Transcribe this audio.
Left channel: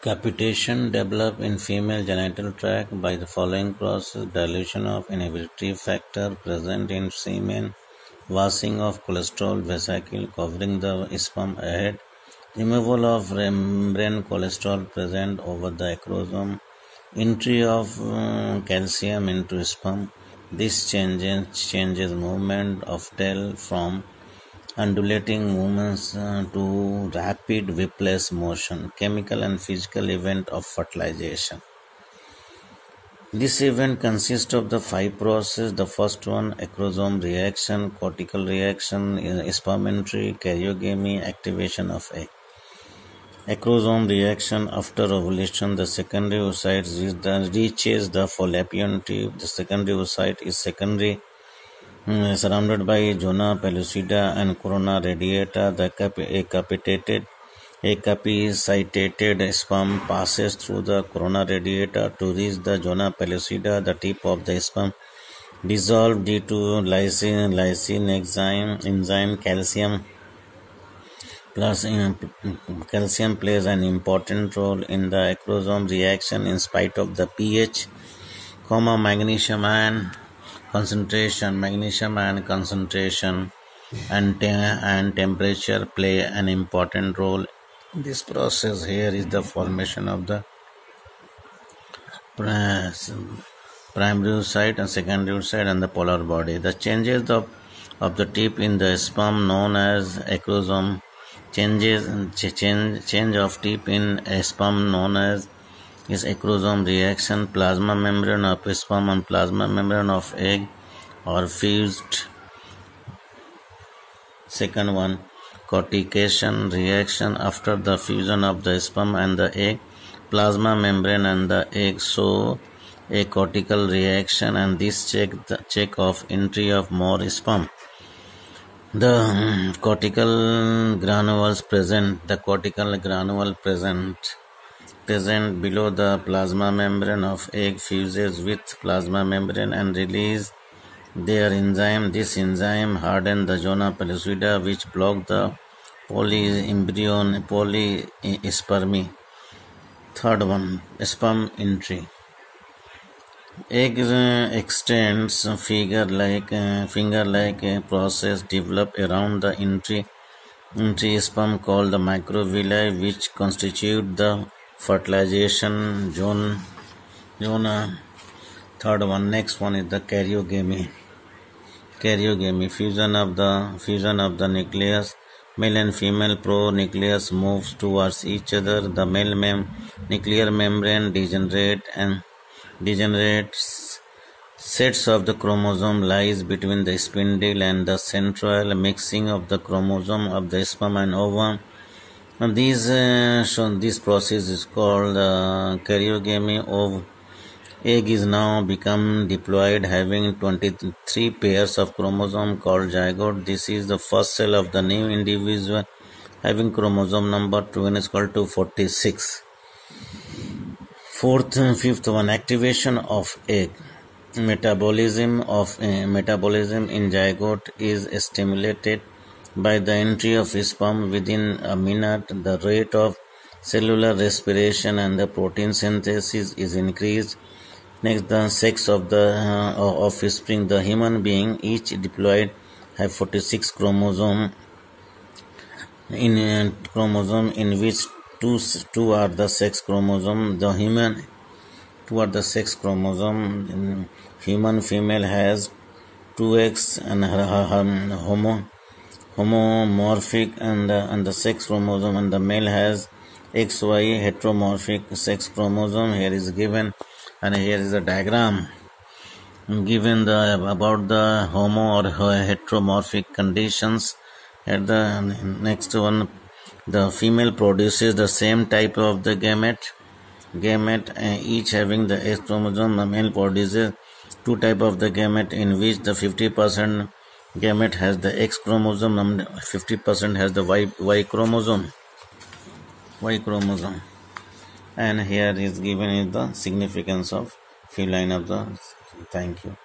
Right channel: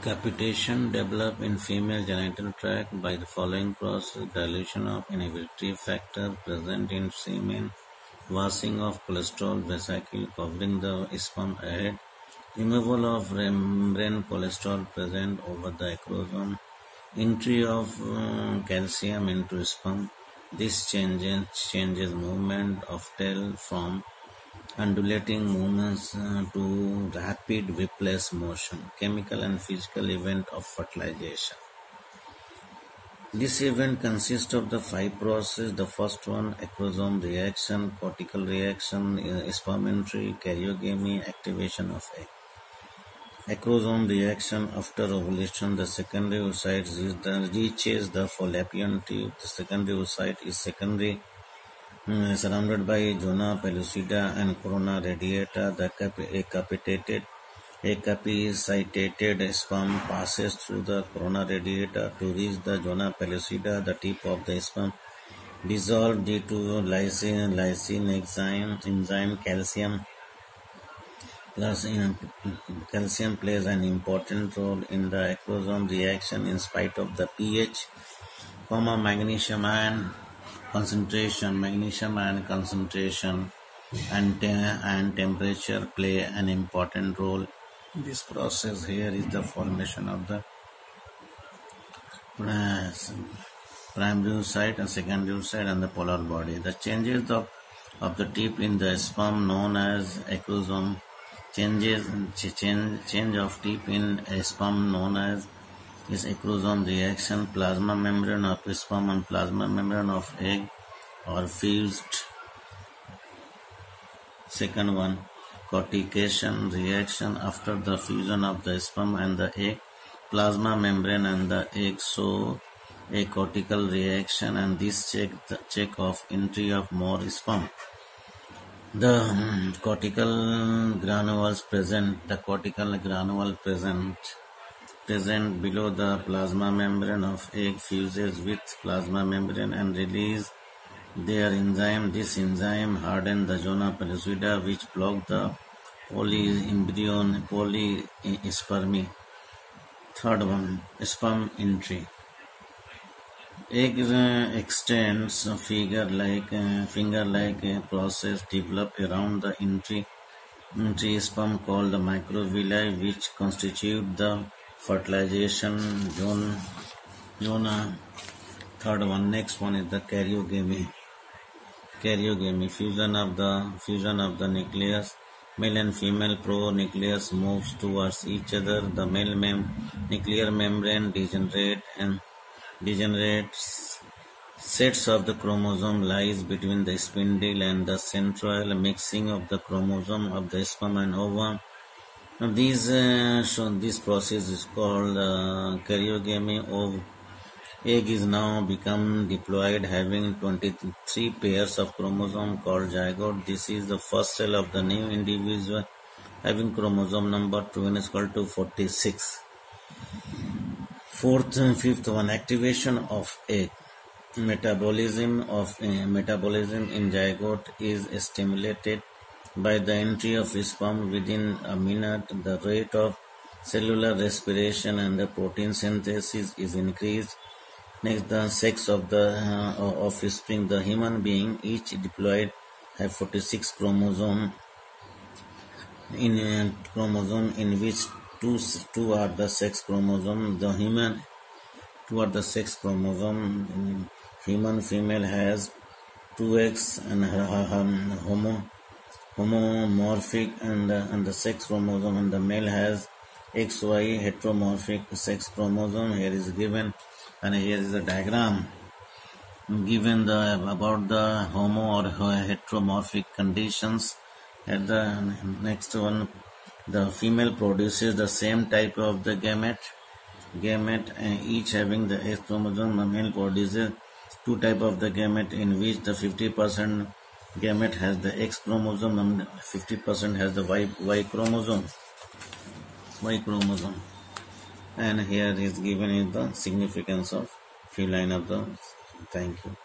Capitation develop in female genital tract by the following process: dilution of inhibitory factor present in semen, washing of cholesterol vesicle covering the sperm head, removal of membrane cholesterol present over the acrosome, entry of calcium into sperm. This changes movement of tail from undulating movements to rapid whiplash motion, chemical and physical event of fertilization. This event consists of the 5 processes. The first one, acrosome reaction, cortical reaction, sperm entry, karyogamy, activation of egg. Acrosome reaction after ovulation, the secondary oocyte reaches the fallopian tube. The secondary oocyte is surrounded by zona pellucida and corona radiata. The capacitated sperm passes through the corona radiata to reach the zona pellucida. The tip of the sperm dissolved due to lysine enzyme. Calcium plays an important role in the acrosome reaction in spite of the pH, magnesium ion concentration and temperature play an important role in this process. Here is the formation of the primary oocyte and secondary oocyte and the polar body. The changes of the tip in the sperm known as acrosome. Change of tip in a sperm known as is acrosome reaction. Plasma membrane of sperm and plasma membrane of egg are fused. Second one, cortication reaction. After the fusion of the sperm and the egg, plasma membrane and the egg show a cortical reaction, and this check of entry of more sperm. The cortical granules present below the plasma membrane of egg fuses with plasma membrane and release their enzyme. This enzyme harden the zona pellucida, which block the polyspermy. Third one, sperm entry. Egg extends finger-like process develop around the entry sperm called the microvilli, which constitute the fertilization zone. Third one, next one is the karyogamy. Fusion of the nucleus. Male and female pronucleus moves towards each other. The male nuclear membrane degenerates. Sets of the chromosome lies between the spindle and the central mixing of the chromosome of the sperm and ovum. And this process is called karyogamy. Of egg is now become diploid, having 23 pairs of chromosome called zygote. This is the first cell of the new individual having chromosome number 2 is called 246. Fifth one, activation of egg. Metabolism in zygote is stimulated by the entry of sperm within a minute. The rate of cellular respiration and the protein synthesis is increased. Next, the sex of the offspring. The human being, each diploid, have 46 chromosome in which two are the sex chromosome. The human, 2 are the sex chromosome. Human female has 2X and homomorphic and the sex chromosome, and the male has XY heteromorphic sex chromosome. Here is given, and here is a diagram given about the homo or heteromorphic conditions. At the next one, the female produces the same type of the gamete, each having the X chromosome. The male produces 2 type of the gamete, in which the 50% gamete has the X chromosome and 50% has the Y chromosome. And here is given is the significance of feline of the. Thank you.